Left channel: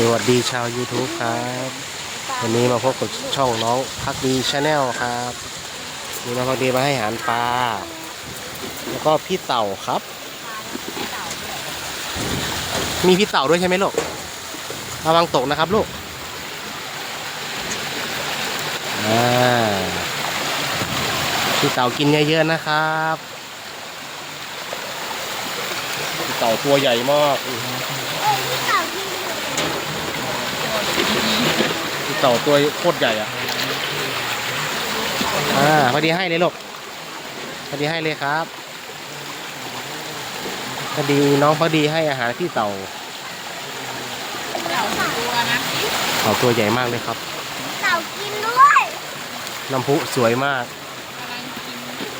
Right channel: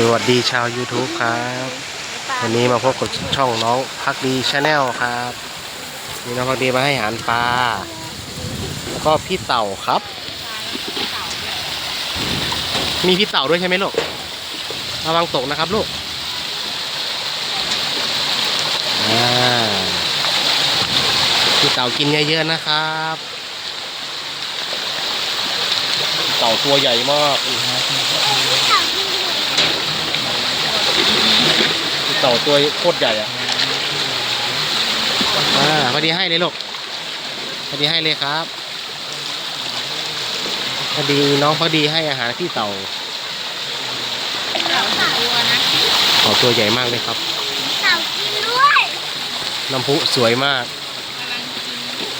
สวัสดีชาว YouTube ครับ วันนี้มาพบกับช่องน้องพักดีชาแนลครับนี่น้องพักดีมาให้อาหารปลาแล้วก็พี่เต่าครับ มีพี่เต่าด้วยใช่ไหมลูกระวังตกนะครับลูกอ่าพี่เต่ากินเยอะๆนะครับพี่เต่าตัวใหญ่มากพี่ เต่าตัวโคตรใหญ่อะอ่าพอดีให้เลยลูกพอดีให้เลยครับพอดีน้องพอดีให้อาหารพี่เต่าเต่าตัวใหญ่มากเลยครับเต่ากินด้วยน้ำพุสวยมาก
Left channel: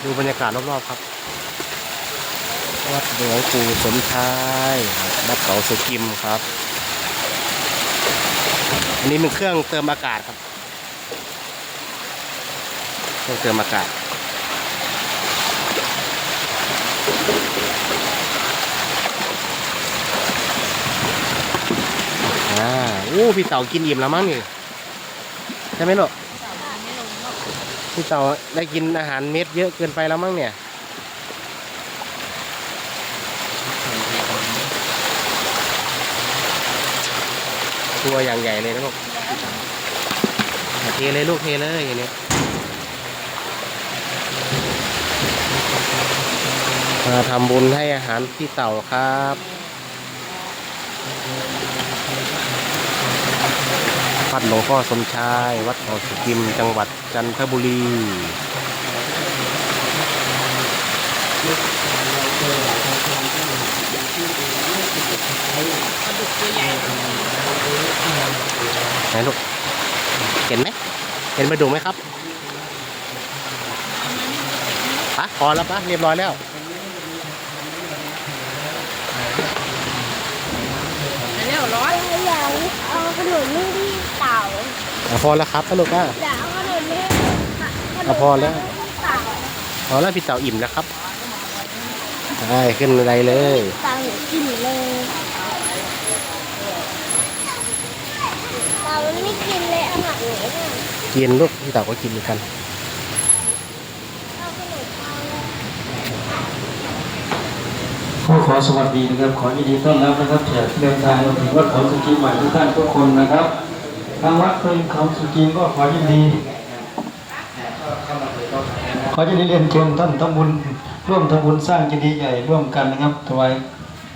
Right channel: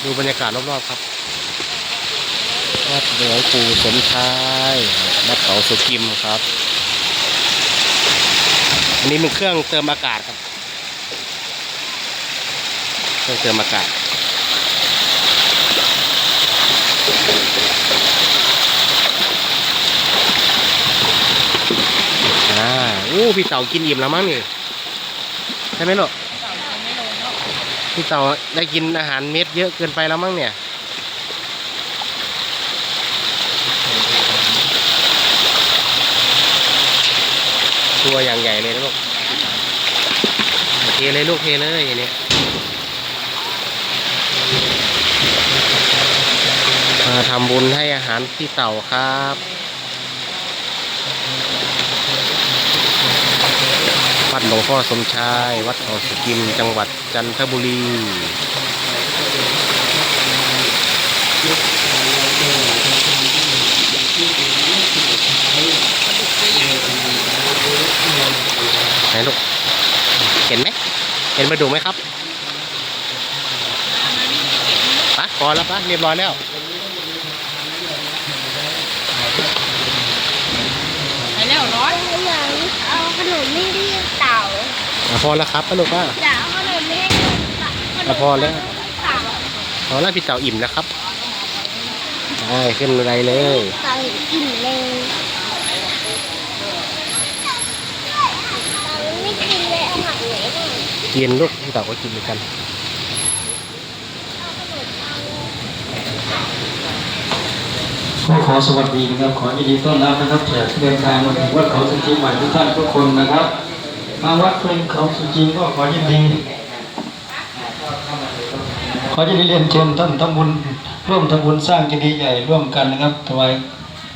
ดูบรรยากาศรอบๆครับวัดหลวงปู่สมชายวัดเขาสุกิมครับ อันนี้เป็นเครื่องเติมอากาศครับเครื่องเติมอากาศอ่าโอ้พี่เต่ากินอิ่มแล้วมั้งนี่ใช่ไหมลูกพี่เต่าได้กินอาหารเม็ดเยอะเกินไปแล้วมั้งเนี่ย ตัวอย่างใหญ่เลยนะลูกเทเลยลูกเทเลยอย่างนี้มาทำบุญให้อาหารพี่เต่าครับวัดหลวงพ่อสมชาย วัดเขาสุกิม จังหวัดจันทบุรี ไหนลูก เห็นไหม เห็นมาดูไหมครับปะพอแล้วปะเรียบร้อยแล้วอยากเอาขนมไม่รีบเต่าอะพอแล้วครับปะลูกว่าอยากเอาขนมไม่รีบเต่าขนอะมพอแล้วเต่าพอแล้วพี่เต่าอิ่มแล้วครับ ได้ขึ้นบันไดเลย เต่าอิ่มเลยเต่ามันไม่กินเลยอาหารเหนือน่ะ กินลูกพี่เต่าก็กินเหมือนกันขอขอสวัสดีนะครับ ขอยินดีต้อนรับนะครับแขกเดินทางมาถึงวัดเขาสุจิใหม่ทุกท่านทุกคนนะครับทางวัดเป็นเขาสุจิมก็ขอยินดี ขอยินดีเรียนเชิญท่านทำบุญร่วมทำบุญสร้างเจดีย์ใหญ่ร่วมกันนะครับถวาย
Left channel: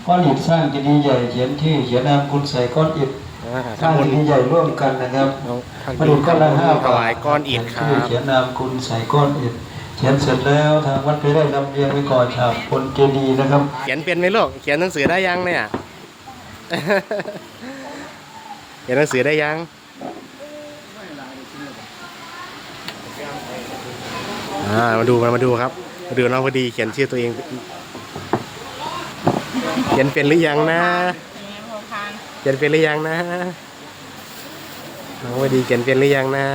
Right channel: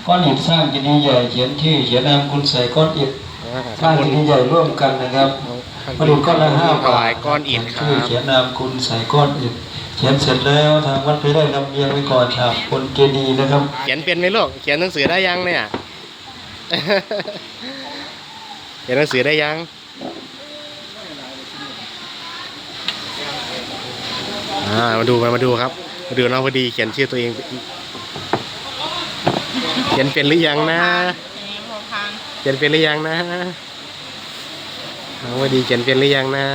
ก้อนอิฐสร้างเจดีย์ใหญ่เขียนชื่อเขียนนามคุณใส่ก้อนอิฐ สร้างทำบุเจญดีย์ใหญ่ร่วมกันนะครับมาดูก้อนละห้าถบาทวายก้อนอิฐครัชื่อบเขียนนามคุณใส่ก้อนอิฐเขียนเสร็จแล้วทางวัดไปได้นำเรียงไว้ก่อนฉาบบนเจดีย์นะครับ เขียนเป็นไหมลูกเขียนหนังสือได้ยังเนี่ยเขียนหนังสือได้ยังอ่ามาดูมามาดูครับมาดูน้องพอดีเขียนชื่อตัวเอง เขียนเป็นหรือยังนะ เขียนเป็นหรือยังนะน้องพอดีเขียนเป็นหรือยังนะ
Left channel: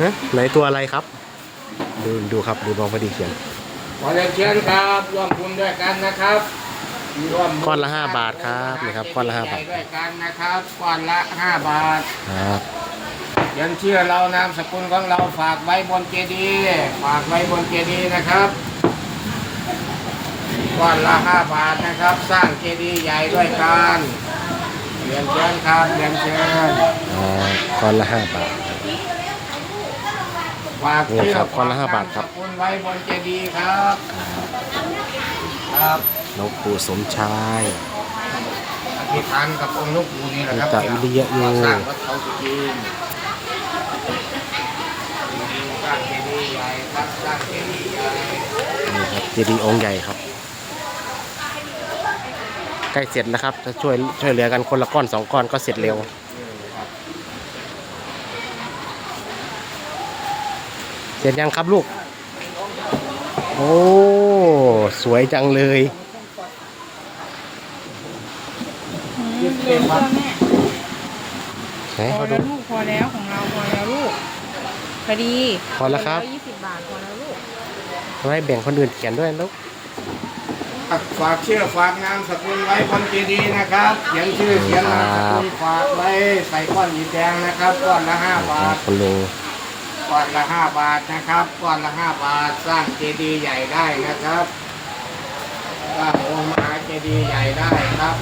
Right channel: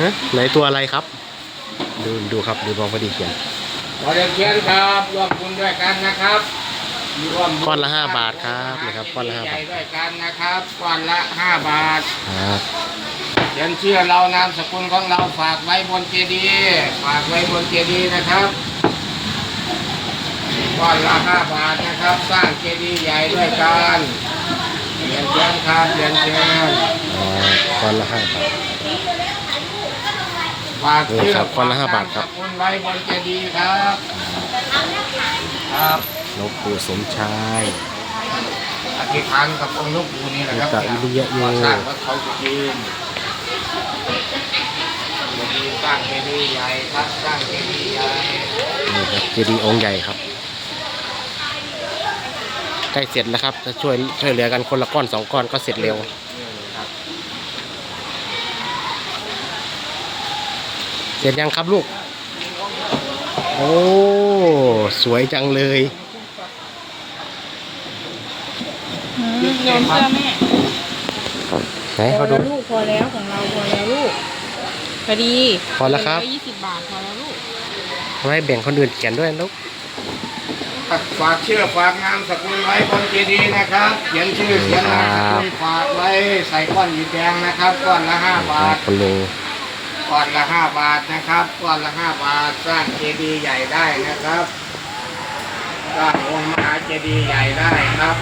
ฮะไหนตัวอะไรครับ ดูดูครับดูน้องพอดีเขียนขอเรียนเชิญครับร่วมบุญด้วยกันนะครับร่วมบุญก้อนละห้าบาทครับนะครับก้อนละห้าบาทใจด้วยกันนะครับก้อนละห้าบาทครับเขียนชื่อเรานามสกุลของเราฝากไว้บนเจดีย์ฝากไว้บนเจดีย์นะครับ ก้อนละห้าบาทนะครับ สร้างเจดีย์ใหญ่ด้วยกันเรียนเชิญครับเรียนเชิญอ๋อก้อนละห้าบาท ฝากนี่ชื่อครับก้อนละห้าบาทครับฝกนมสกุลไว้บนเจดีย์ครับ ครับหลวงปู่สมชาย อธิษฐานกับองค์หลูกปู่นี่แหละครับตะวิริยะโย สร้างวัดเขาสุจีนสร้างเจดีย์ใหญ่ครับ สร้างเจดีย์ใหญ่ นี่ครับเจดีย์องค์ใหญ่ครับ ใกล้เสร็จแล้วครับ จะช่วยช่วยเหลือกันคนละก้อนสองก้อนก็เสร็จเร็วเสร็จยังครับลูก โอ้ สวยจังเลยลงค่ะแม่ไหนพอเขาดู แล้วลูกพอแล้วของเราพอแล้วลูกพอดีพอแล้วครับ ยี่สิบบาทพอแล้วลูก ทำไมแบ่งคนอื่นเขียนด้วยลูกพ ฝากชื่อฝากนามสกุลไว้บนเจดีย์นะครับเขียนชื่อเขียนนามสกุลฝากไว้ใส่ก้อนหินแดงนะครับก้อนละห้าบาทคุณลุงก้อนละห้าบาทนะครับก้อนละห้าบาทสร้างเจดีย์ใหญ่ได้นะครับสร้างองค์มหาเจดีย์ใหญ่ได้ครับ